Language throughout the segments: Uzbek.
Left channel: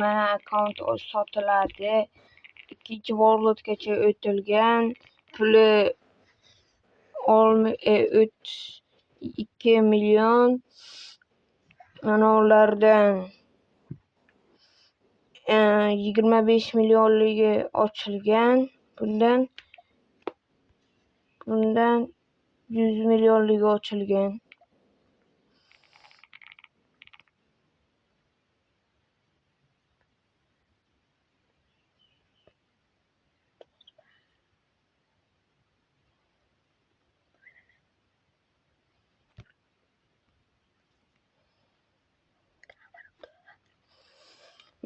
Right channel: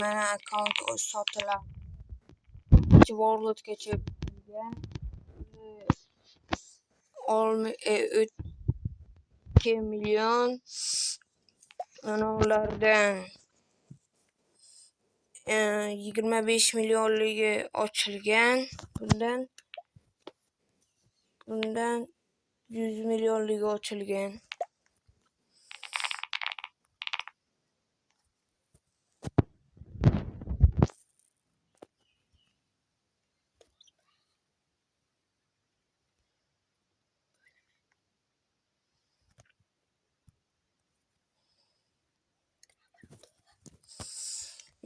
mana akkaunt sotiladi. Ikkinchi worldgacha o'tilgan. Puli 2 million. Mana ulardan 25 millionligi ochilgan. Bundan 100 millionligi ochilgan.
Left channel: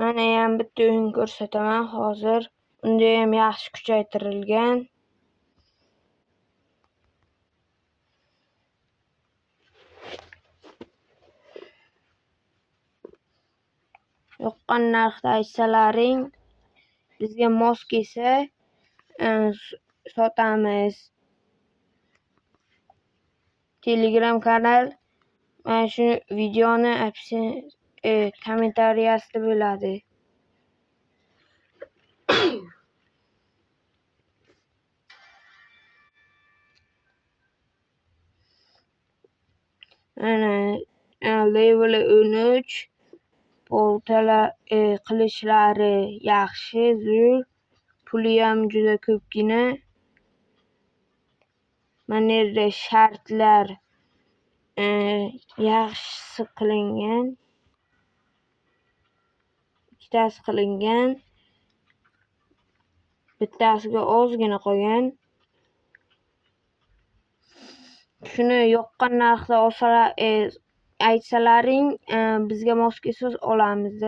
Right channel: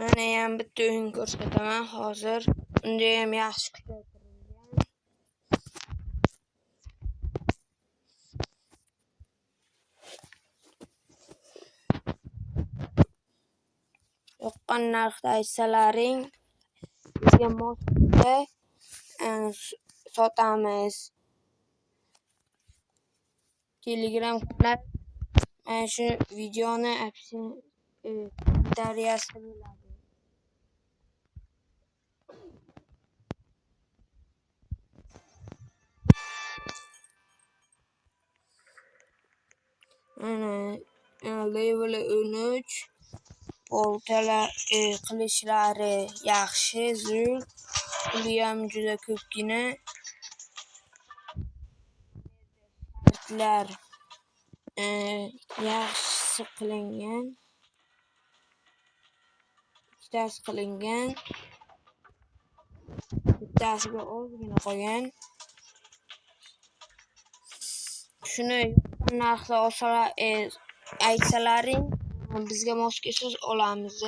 Mana ham bitta o'yin ko'rsataman hozir. Unda ham yaxshi kuchaytirilgan. Yoqqan narxda aytsalaring, bizga mos kelsa sotamiz. Telegram kanal mana shu videoni kommentariyasida bo'ladi. Mana level 13 portalar qilishlari yaxshi, zo'r. Puli ham juda ko'pgina. Mana yerda shartlar yaxshi qilingan. Ikkitasi qilingan. Bittasiga ozgina qolgan. Shuni yoqqan narxda aytsalaring, bizga mos kelsa olamiz.